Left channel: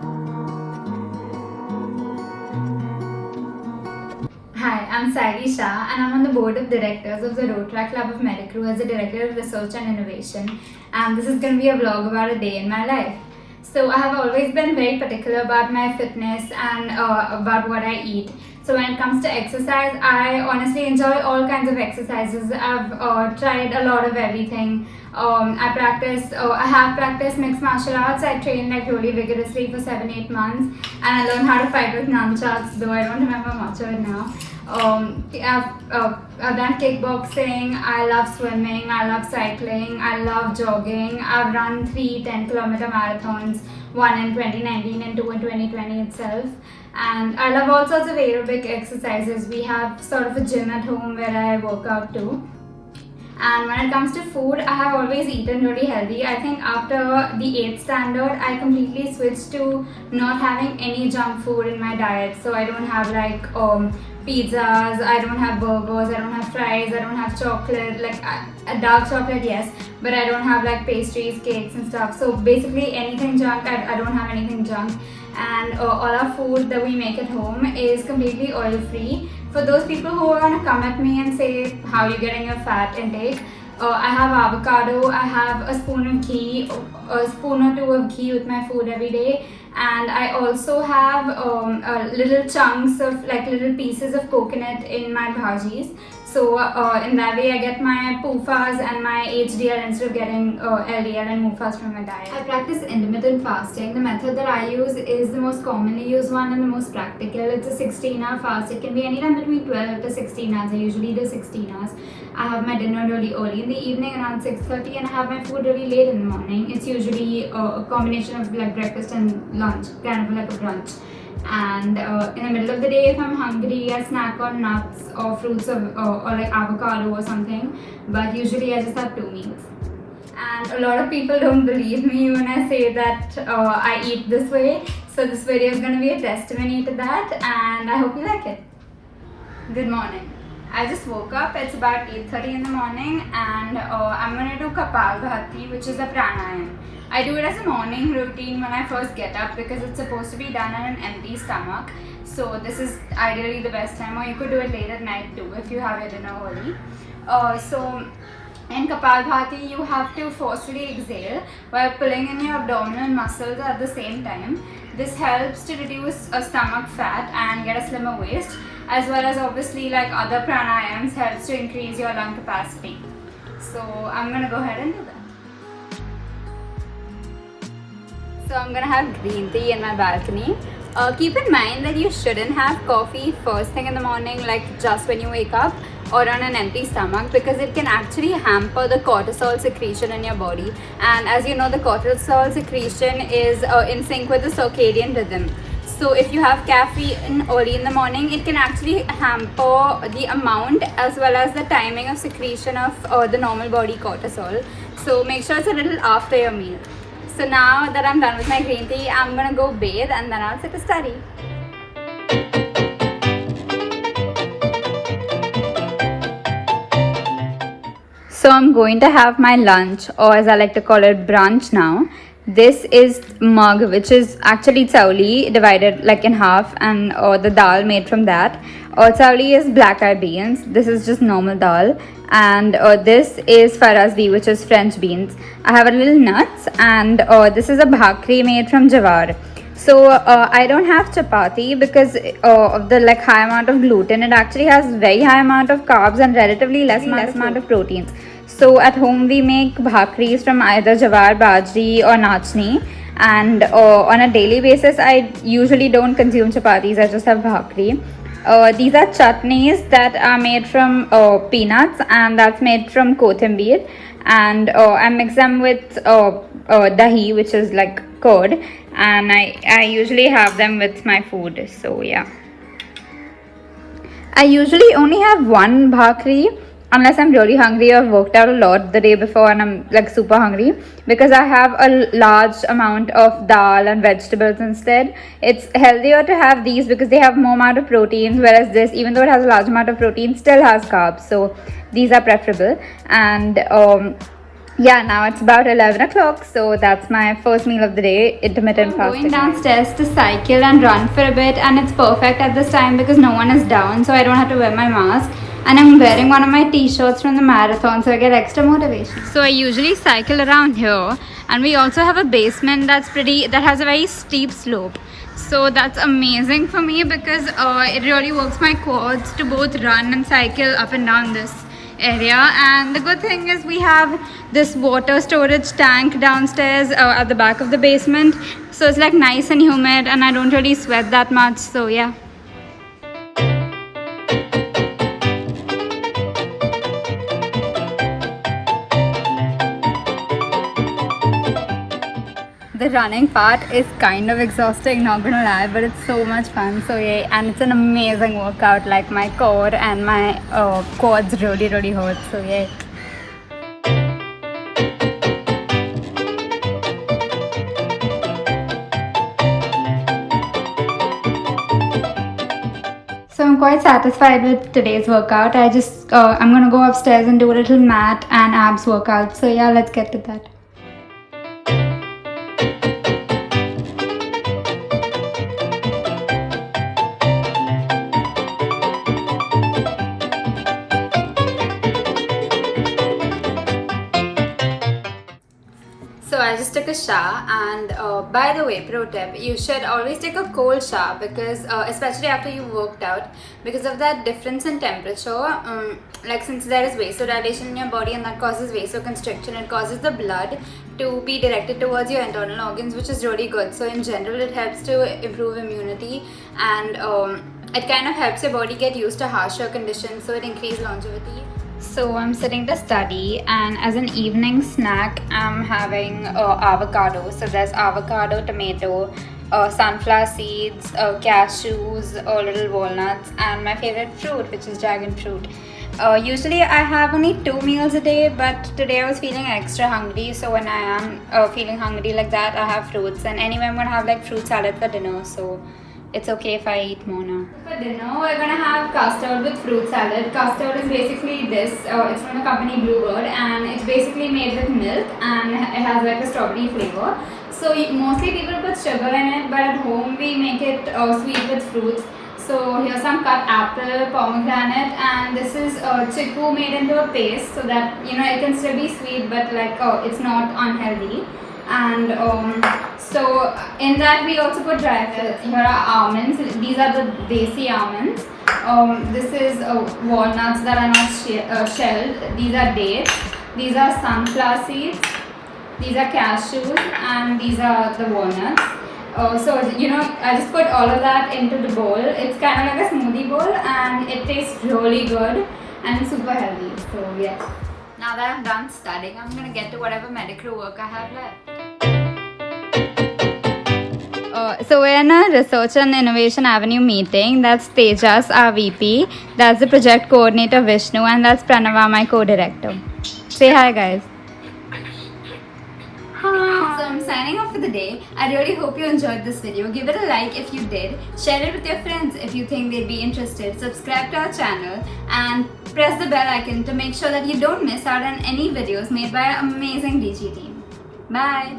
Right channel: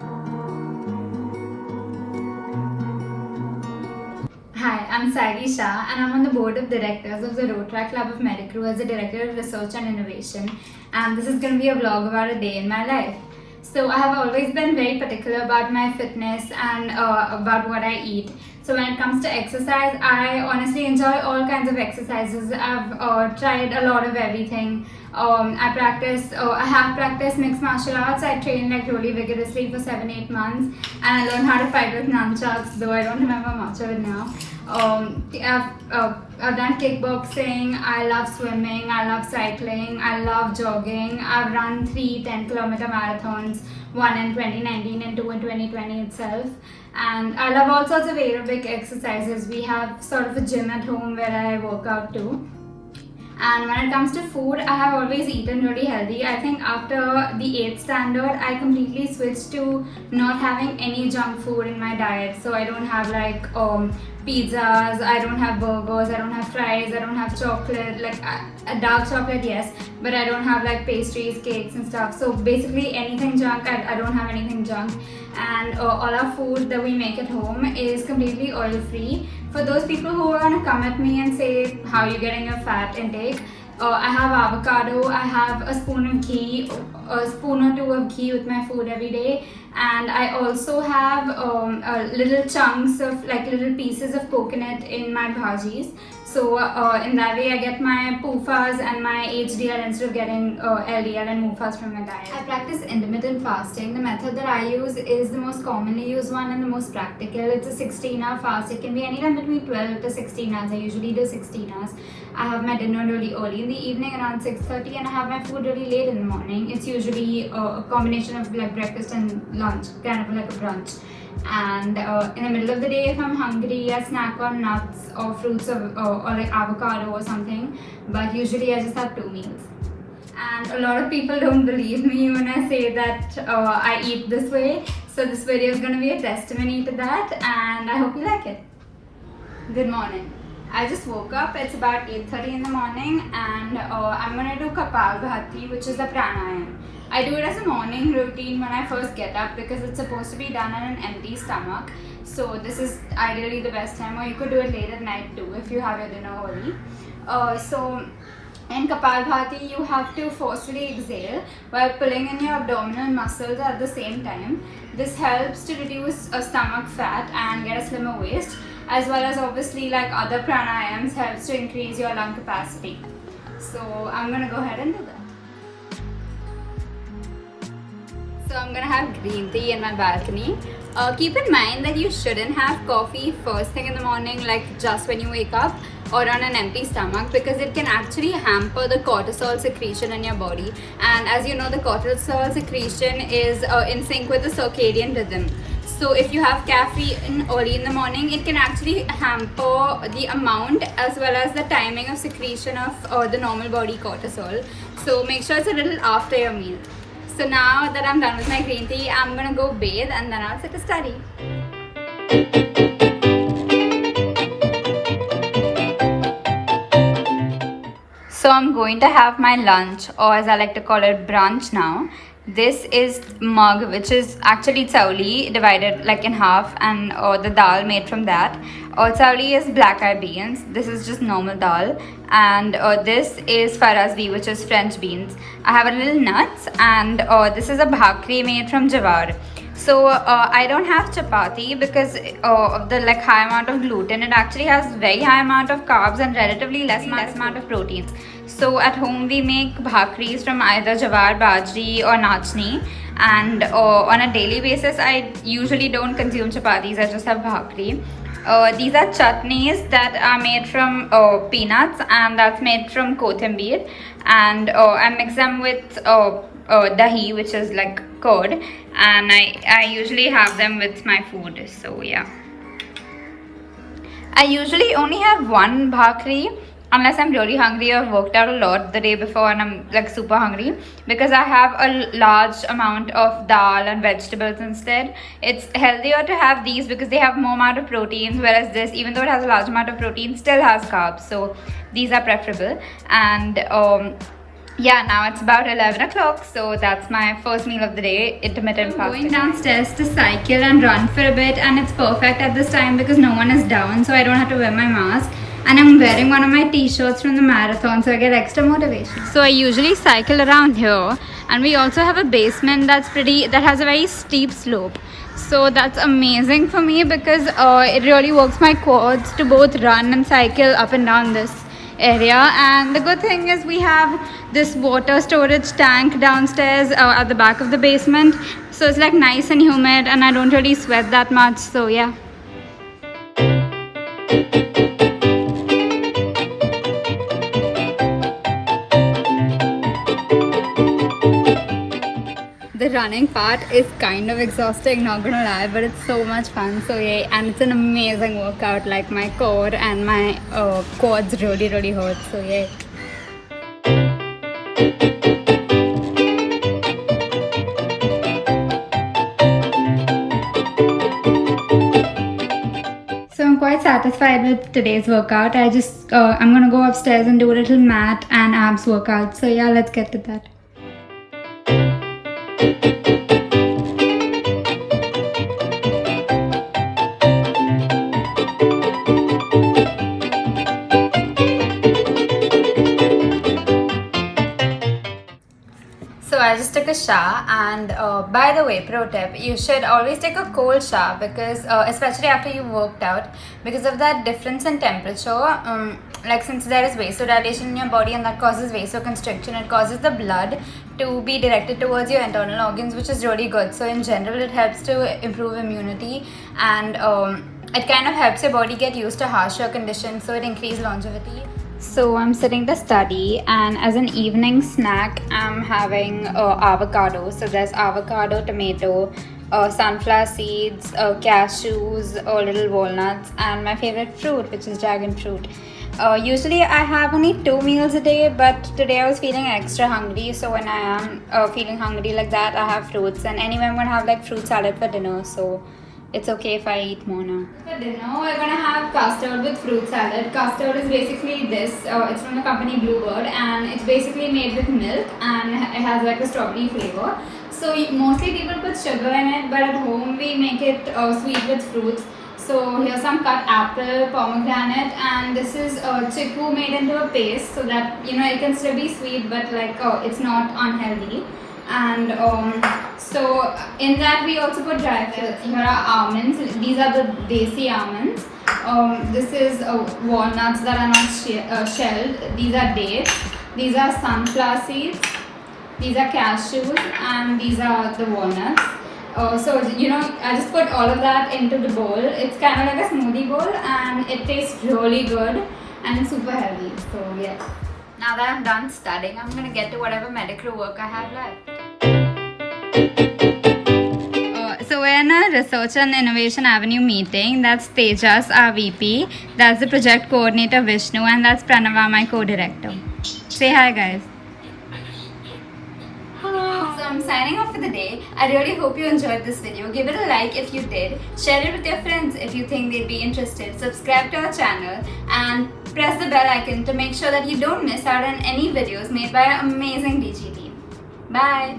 Hi, I'm Saigi Shah and I'm on the board of directors of the Rotaract Club of Medicrew as the Director of Research and Innovation, and this is going to be a vlog about a day in my life. So I have always been very particular about my fitness and about what I eat. So when it comes to exercise, I honestly enjoy all kinds of exercises. I've tried a lot of everything. I have practiced mixed martial arts. I trained like really vigorously for 7-8 months, and I learned how to fight with nunchucks, though I don't remember much of it now. I've done kickboxing. I love swimming. I love cycling. I love jogging. I've run 3 10-kilometer marathons, one in 2019 and 2 in 2020 itself. And I love all sorts of aerobic exercises. We have sort of a gym at home where I work out too. And when it comes to food, I have always eaten really healthy. I think after the 8th standard, I completely switched to not having any junk food in my diet. So I don't have like pizzas, I don't have burgers, I don't have fries, I don't have chocolate, like dark chocolate, yes, but I don't have like pastries, cakes and stuff. So basically anything junk, I don't have anything junk. And all our food that we make at home is completely oil free. For those people who are gonna come at me and say how you're getting your fat intake, I have avocado, I have a spoon of ghee, a spoon or 2 of ghee with my food every day, and I also have little chunks of like little pieces of coconut in my bhajis. So in that way I get my PUFAs and my HDL instead of getting LDL and MUFAs from my diet. I practice intermittent fasting. The method that I use is the most commonly used one and the most practical. It's a 16-hour fast. It can be anytime between 12 to 16 hours. I usually do 16 hours. I have my dinner really early in the evening around 6:30 and I have my food really late in the morning. It's usually a combination of like breakfast and lunch, kind of like a brunch. And in the middle of the day, if I'm hungry, I snack on nuts or fruits or like avocado or something. But usually I just have 2 meals. And a lot of people don't believe me when I say that I eat this way. So this video is going to be a testimony to that, and I hope you like it. Good morning. I just woke up. It's about 8:30 in the morning, and I'm going to do Kapalbhati, which is a pranayam. I do it as a morning routine when I first get up because it's supposed to be done on an empty stomach. So this is ideally the best time, or you could do it late at night too if you have your dinner early. So in Kapalbhati, you have to forcefully exhale while pulling in your abdominal muscles at the same time. This helps to reduce stomach fat and get a slimmer waist, as well as obviously like other pranayams helps to increase your lung capacity. So I'm gonna go ahead and do that. So I'm gonna have green tea in my balcony. Keep in mind that you shouldn't have coffee first thing in the morning, like just when you wake up or on an empty stomach, because it can actually hamper the cortisol secretion in your body. And as you know, the cortisol secretion is in sync with the circadian rhythm. So if you have caffeine early in the morning, it can actually hamper the amount as well as the timing of secretion of the normal body cortisol. So make sure it's a little after your meal. So now that I'm done with my green tea, I'm gonna go bathe and then I'll sit to study. So I'm going to have my lunch, or as I like to call it, brunch now. This is mug, which is actually chauli divided like in half, and the dal made from that. Chauli is black eyed beans. This is just normal dal, and this is farasdi, which is French beans. I have a little nuts, and this is a bhakri made from jawar. So I don't have chapati because of the like high amount of gluten. It actually has very high amount of carbs and relatively less amount of proteins. So at home we make bhakris from either jawar, bajri or nachni, and on a daily basis I usually don't consume chapatis. I just have bhakri. These are chutneys that are made from peanuts, and that's made from kothambir, and I mix them with dahi, which is like curd, and I usually have them with my food. So yeah, I usually only have one bhakri unless I'm really hungry or worked out a lot the day before and I'm like super hungry, because I have a large amount of dal and vegetables instead. It's healthier to have these because they have more amount of proteins, whereas this, even though it has a large amount of protein, still has carbs. So these are preferable. And Yeah, now it's about 11 o'clock, so that's my first meal of the day, intermittent fasting. I'm going downstairs to cycle and run for a bit, and it's perfect at this time because no one is down, so I don't have to wear my mask. And I'm wearing one of my t-shirts from the marathon, so I get extra motivation. So I usually cycle around here, and we also have a basement that has a very steep slope. So that's amazing for me because it really works my quads to both run and cycle up and down this area. And the good thing is we have this water storage tank downstairs at the back of the basement, so it's like nice and humid, and I don't really sweat that much, so yeah. The running part is kind of exhausting, not gonna lie, but it's so much fun. So yeah, and it's an amazing workout. Like my core and my quads really hurt. So yeah. So I'm quite satisfied with today's workout. I'm gonna go upstairs and do a little mat and abs workout. So yeah, let's get to that. So I just took a shower, and by the way, pro tip, you should always take a cold shower because especially after you worked out, because of that difference in temperature, like since there is vasodilation in your body and that causes vasoconstriction, it causes the blood to be directed towards your internal organs, which is really good. So in general, it helps to improve immunity, and it kind of helps your body get used to harsher conditions, so it increases longevity. So I'm sitting to study, and as an evening snack I'm having avocado. So there's avocado, tomato, sunflower seeds, cashews, little walnuts, and my favorite fruit, which is dragon fruit. Usually I have only 2 meals a day, but today I was feeling extra hungry, so when I am feeling hungry like that, I have fruits. And anyway, I'm gonna have like fruit salad for dinner, so it's okay if I eat more now. For dinner, we're gonna have custard with fruit salad. Custard is basically this. It's from the company Bluebird, and it's basically made with milk, and it has like a strawberry flavor. So mostly people put sugar in it, but at home we make it sweet with fruits. So here's some cut apple, pomegranate, and this is chiku made into a paste, so that it can still be sweet, but like it's not unhealthy. And so in that we also put dry fruits. Here are almonds. These are the desi almonds. This is walnuts that are not shelled. These are dates. These are sunflower seeds. These are cashews, and these are the walnuts. So I just put all of that into the bowl. It's kind of like a smoothie bowl, and it tastes really good and it's super healthy. So yeah. Now that I'm done studying, I'm gonna get to whatever medical work I have left. So we're in a Research and Innovation Avenue meeting. That's Tejas, our VP. That's the project coordinator, Vishnu, and that's Pranava, my co-director. Say hi, guys. So I'm signing off for the day. I really hope you enjoyed this video. Give it a like if you did. Share it with your friends if you think they'd be interested. Subscribe to our channel and press the bell icon to make sure that you don't miss out on any videos made by our amazing DG team. Bye!